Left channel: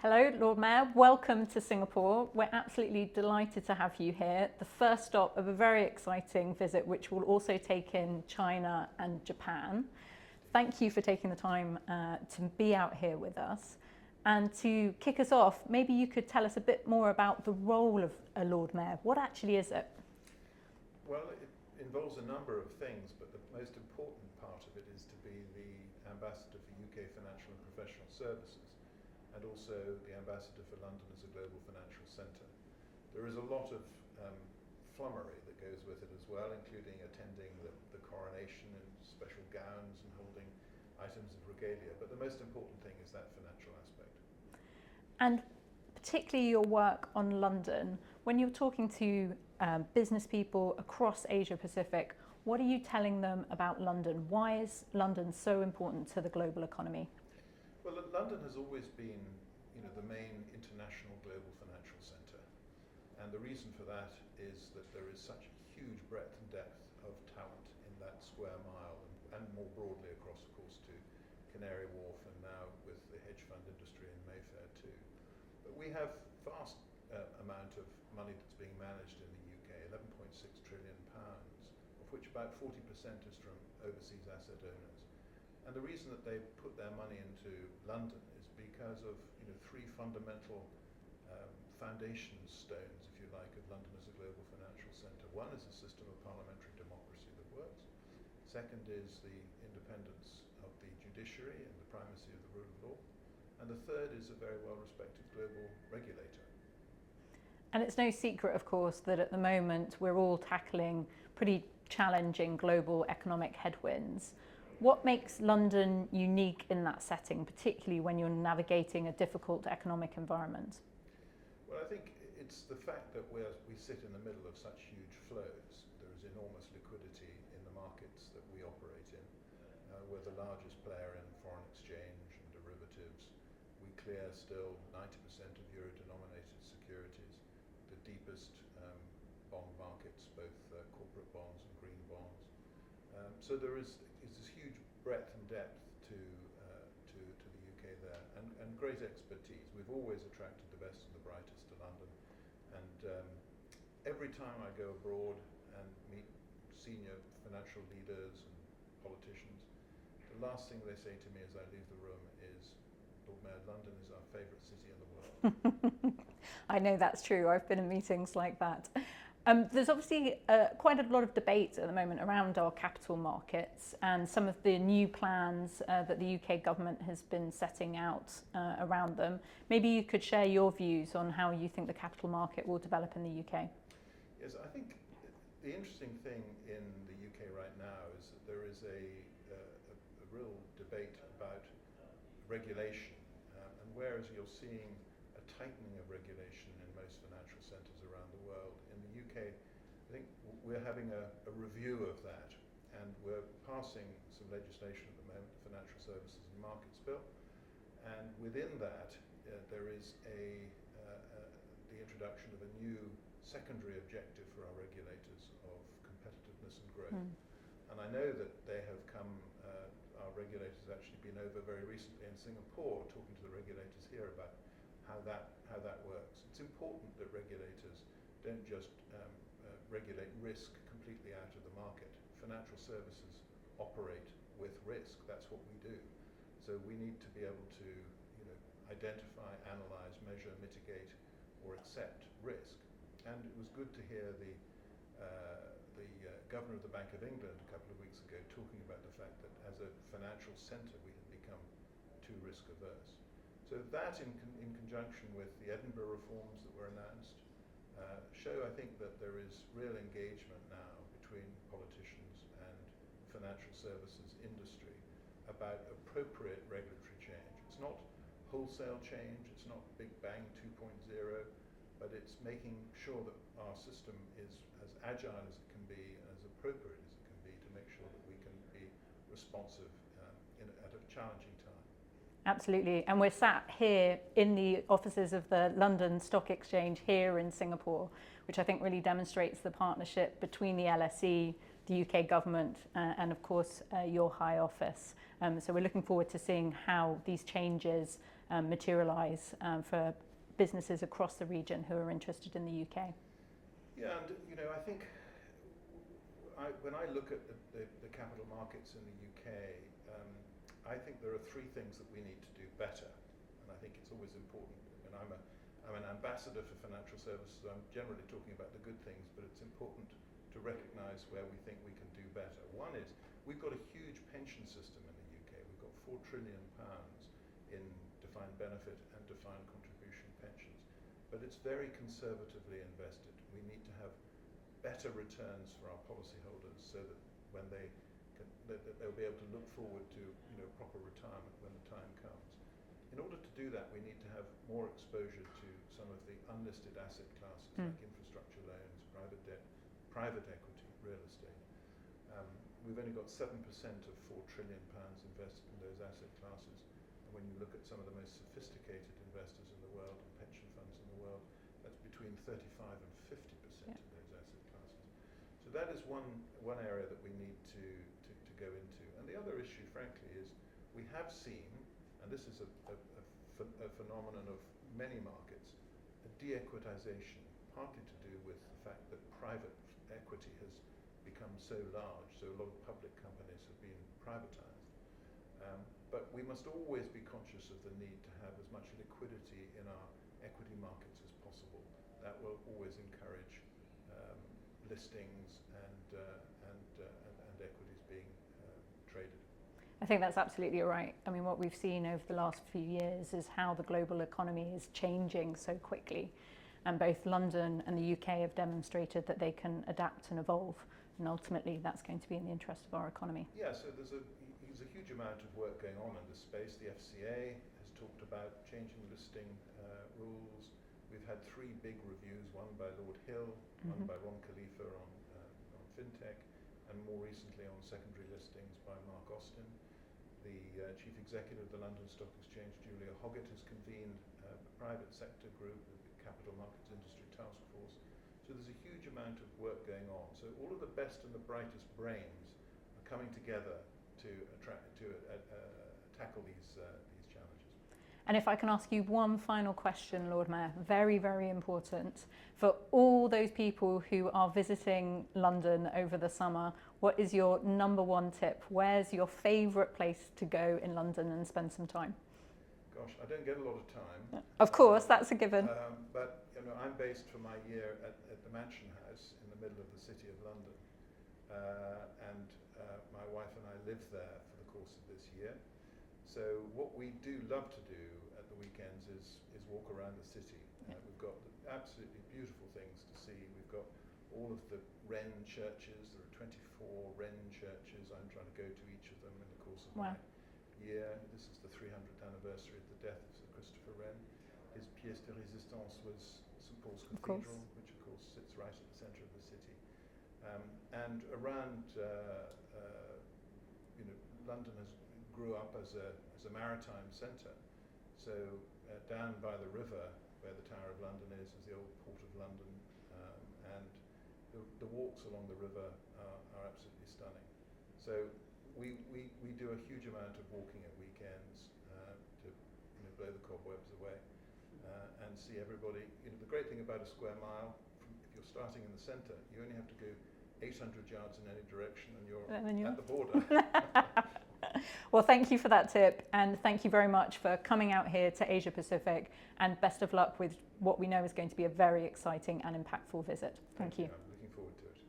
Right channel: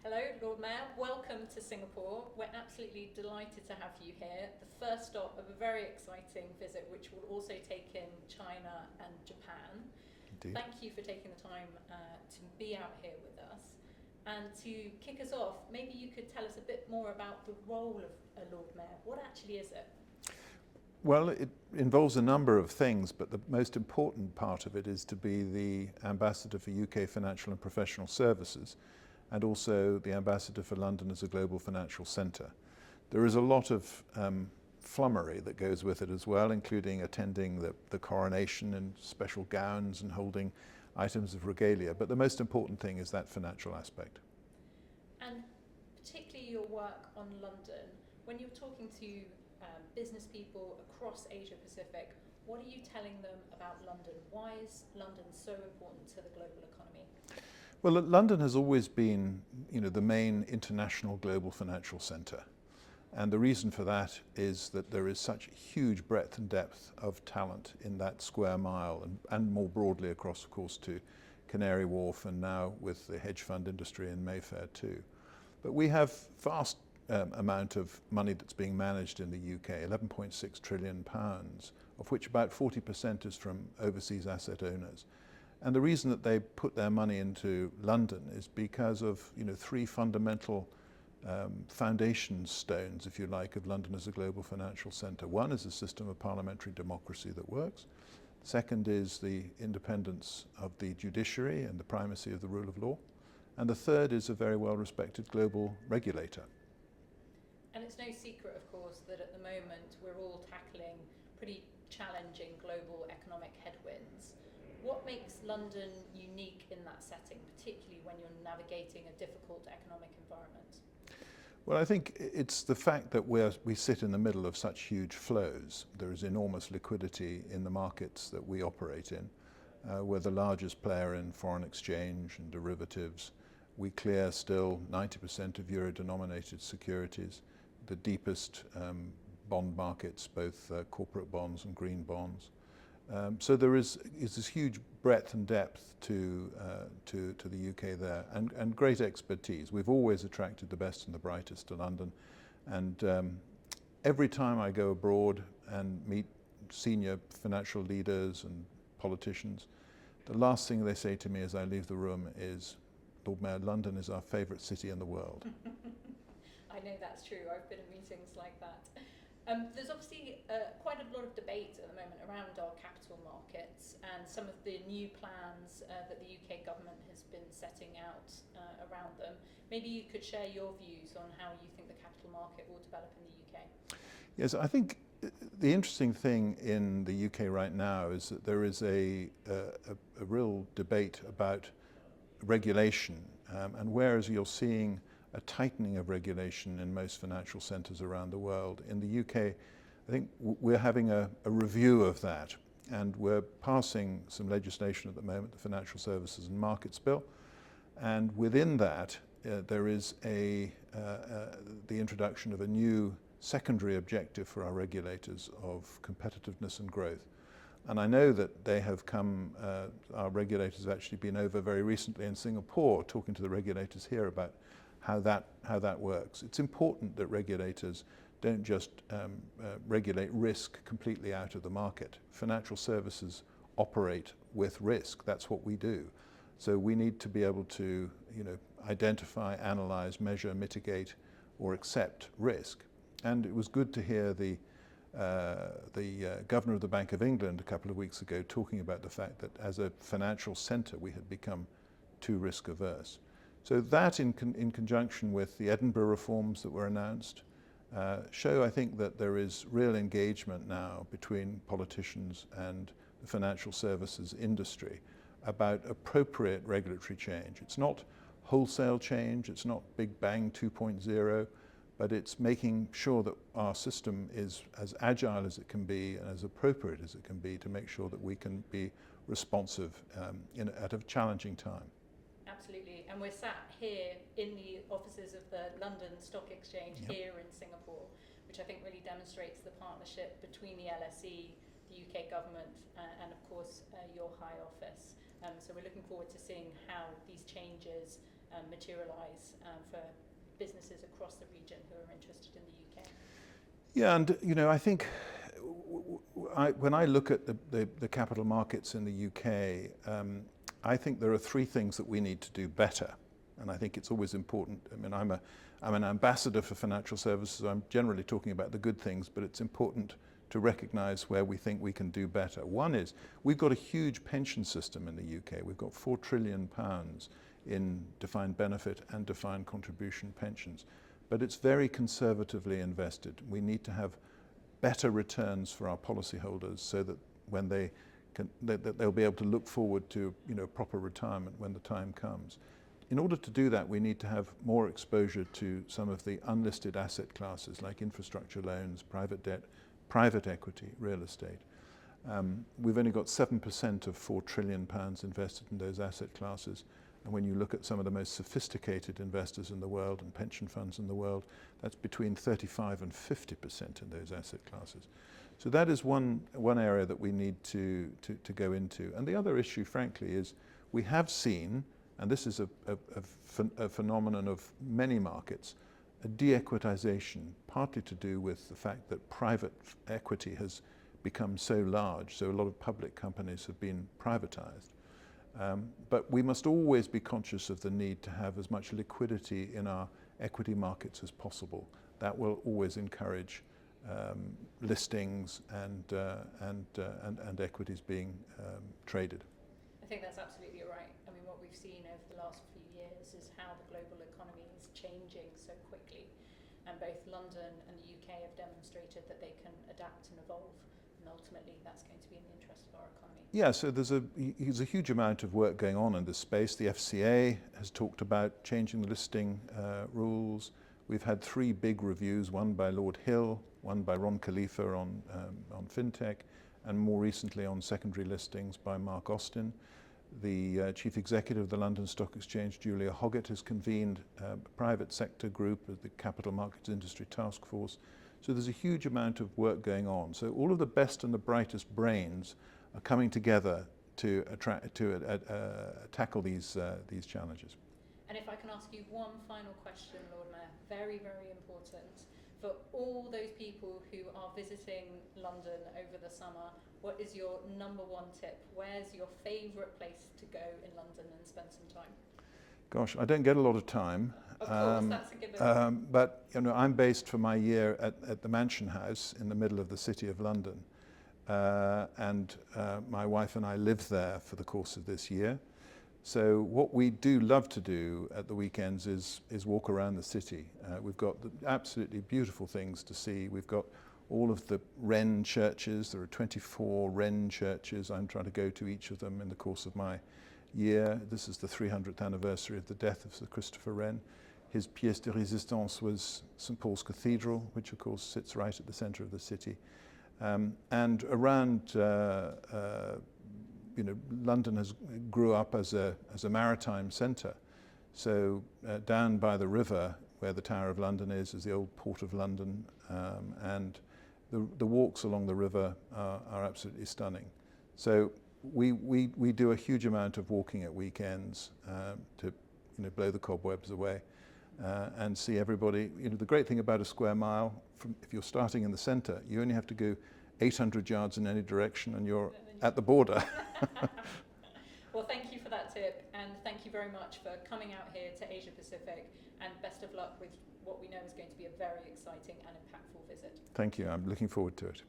Hello, Lord Mayor. Welcome to Singapore. We're absolutely delighted to have you here. The first stop of a very exciting visit, which will also take in China and Japan. Indeed. Thank you for taking the time to be out here with us. And to kick us off, maybe you could tell us a bit more about the role of a Lord Mayor. What actually is it? Well, it involves a number of things, but the most important part of it is to be the ambassador for UK financial and professional services, and also the ambassador for London as a global financial centre. There is a lot of flummery that goes with it as well, including attending the coronation in special gowns and holding items of regalia. But the most important thing is that financial aspect. And particularly your work on London, when you're talking to business people across Asia Pacific, what are you telling them about London? Why is London so important to the global economy? Well, London has always been, the main international global financial centre. And the reason for that is that there is such huge breadth and depth of talent in that square mile, and more broadly across, of course, to Canary Wharf and now with the hedge fund industry in Mayfair too. But we have vast amount of money that's being managed in the UK, £11.6 trillion, of which about 40% is from overseas asset owners. And the reason that they put their money into London is because of three fundamental foundation stones, if you like, of London as a global financial centre. One is a system of parliamentary democracy that works. Second is the independence of the judiciary and the primacy of the rule of law. And the third is a very well-respected global regulator. And it's no secret, of course, that at the moment we're all tackling pretty challenging global economic headwinds. What makes London unique in that setting, particularly when you're navigating a difficult economic environment? Well, I think it's the fact that we sit in the middle of such huge flows. There is enormous liquidity in the markets that we operate in. We're the largest player in foreign exchange and derivatives. We clear still 90% of euro-denominated securities, the deepest bond markets, both corporate bonds and green bonds. So there is this huge breadth and depth to the UK there, and great expertise. We've always attracted the best and the brightest to London, and every time I go abroad and meet senior financial leaders and politicians, the last thing they say to me as I leave the room is, Lord Mayor, London is our favourite city in the world. I know that's true. I've been in meetings like that. There's obviously quite a lot of debate at the moment around our capital markets and some of the new plans that the UK government has been setting out around them. Maybe you could share your views on how you think the capital market will develop in the UK. Yes, I think the interesting thing in the UK right now is that there is a real debate about regulation, and whereas you're seeing a tightening of regulation in most financial centres around the world, in the UK, I think we're having a review of that, and we're passing some legislation at the moment, the Financial Services and Markets Bill, and within that there is the introduction of a new secondary objective for our regulators of competitiveness and growth. And I know that they have come, our regulators have actually been over very recently in Singapore talking to the regulators here about how that works. It's important that regulators don't just regulate risk completely out of the market. Financial services operate with risk. That's what we do. So we need to be able to identify, analyse, measure, mitigate or accept risk. And it was good to hear the Governor of the Bank of England a couple of weeks ago talking about the fact that as a financial centre we had become too risk averse. So that in conjunction with the Edinburgh reforms that were announced show, I think, that there is real engagement now between politicians and the financial services industry about appropriate regulatory change. It's not wholesale change, it's not Big Bang 2.0, but it's making sure that our system is as agile as it can be and as appropriate as it can be to make sure that we can be responsive at a challenging time. Absolutely, and we're sat here in the offices of the London Stock Exchange here in Singapore, which I think really demonstrates the partnership between the LSE, the UK government and of course your High Office. So we're looking forward to seeing how these changes materialise for businesses across the region who are interested in the UK. Yeah, and I think when I look at the capital markets in the UK, I think there are three things that we need to do better, and I think it's always important. I mean, I'm an ambassador for financial services. I'm generally talking about the good things, but it's important to recognise where we think we can do better. One is we've got a huge pension system in the UK. We've got £4 trillion in defined benefit and defined contribution pensions, but it's very conservatively invested. We need to have better returns for our policyholders so that when they'll be able to look forward to proper retirement when the time comes. In order to do that, we need to have more exposure to some of the unlisted asset classes like infrastructure loans, private debt, private equity, real estate. We've only got 7% of £4 trillion invested in those asset classes. And when you look at some of the most sophisticated investors in the world and pension funds in the world, that's between 35 and 50% in those asset classes. So that is one area that we need to go into. And the other issue, frankly, is we have seen, and this is a phenomenon of many markets, a de-equitization, partly to do with the fact that private equity has become so large, so a lot of public companies have been privatized. But we must always be conscious of the need to have as much liquidity in our equity markets as possible. That will always encourage listings and equities being traded. I think that's absolutely right. I mean, what we've seen over the last few years is how the global economy is changing so quickly. And both London and the UK have demonstrated that they can adapt and evolve. And ultimately, that's going to be in the interest of our economy. Yeah, so there's a huge amount of work going on in this space. The FCA has talked about changing the listing rules. We've had 3 big reviews, one by Lord Hill, one by Ron Khalifa on fintech, and more recently on secondary listings by Mark Austin. The Chief Executive of the London Stock Exchange, Julia Hoggett, has convened a private sector group, the Capital Markets Industry Task Force. So there's a huge amount of work going on. So all of the best and the brightest brains are coming together to tackle these challenges. And if I can ask you one final question, Lord Mayor, very, very important. For all those people who are visiting London over the summer, what is your number one tip? Where's your favourite place to go in London and spend some time? Gosh, I don't get a lot of time. Of course, that's a given. But I'm based for my year at the Mansion House in the middle of the City of London. And my wife and I live there for the course of this year. So what we do love to do at the weekends is walk around the city. We've got absolutely beautiful things to see. We've got all of the Wren churches. There are 24 Wren churches. I'm trying to go to each of them in the course of my year. This is the 300th anniversary of the death of Sir Christopher Wren. His pièce de résistance was St Paul's Cathedral, which of course sits right at the centre of the city. And around, London grew up as a maritime centre. So down by the river, where the Tower of London is the old Port of London, and the walks along the river are absolutely stunning. So we do a huge amount of walking at weekends to blow the cobwebs away and see everybody. The great thing about a square mile, if you're starting in the centre, you only have to go 800 yards in any direction and you're at the border. Well, thank you for that tip, and thank you very much for coming out here to Asia Pacific, and best of luck with what we know is going to be a very exciting and impactful visit. Thank you. I'm looking forward to it.